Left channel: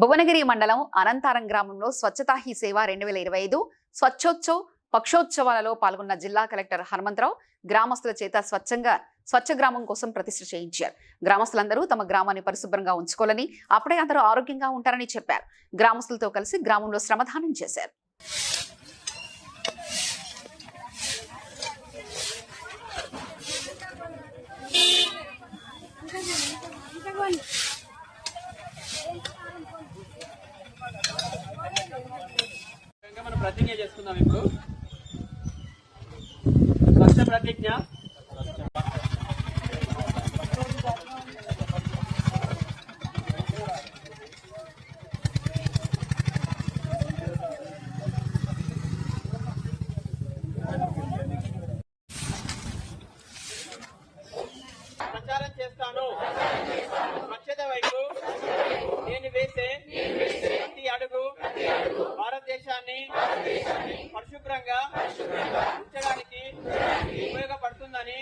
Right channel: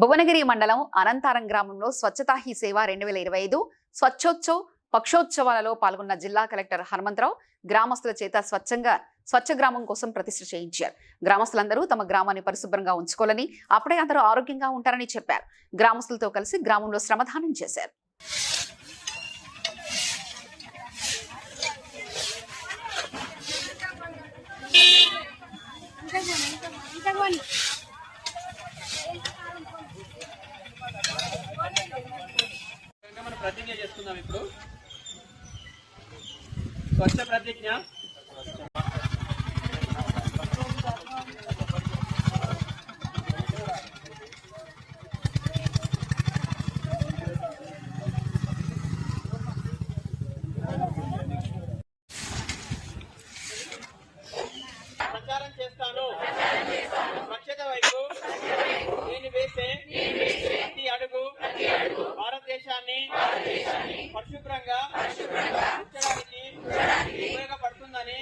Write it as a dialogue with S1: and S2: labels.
S1: భువనగిరి మండలం అనంతారం గ్రామంలో స్వచ్ఛతా హీ సేవ రెండు వేల ఇరవై ఐదు స్వచ్ఛోత్సవ్ పక్షోత్సవాలలో పాల్గొన్న జిల్లా కలెక్టర్ హనుమంతరావు గ్రామస్తుల చేత స్వచ్ఛంగా స్వచ్ఛ గ్రామం కోసం ప్రతిష్ఠ చేయించారు. గ్రామస్తులందరూ తమ గ్రామాన్ని పరిశుభ్రంగా ఉంచుకోవాలని అప్పుడే అందరూ ఆరోగ్యంగా ఉంటారని చెప్పారు. గ్రామస్తులతో కలిసి గ్రామంలో శ్రమదానం చేశారు.
S2: విధంగా మనం ప్రతిజ్ఞ చేసుకుందాం ఇప్పుడు. స్వచ్ఛ ప్రతిజ్ఞ. ప్రచారం చేస్తాను. స్వచ్ఛత వైపు. భారతదేశాన్ని పరిశుభ్రంగా ఉంచడానికి ఉపయోగపడుతుందని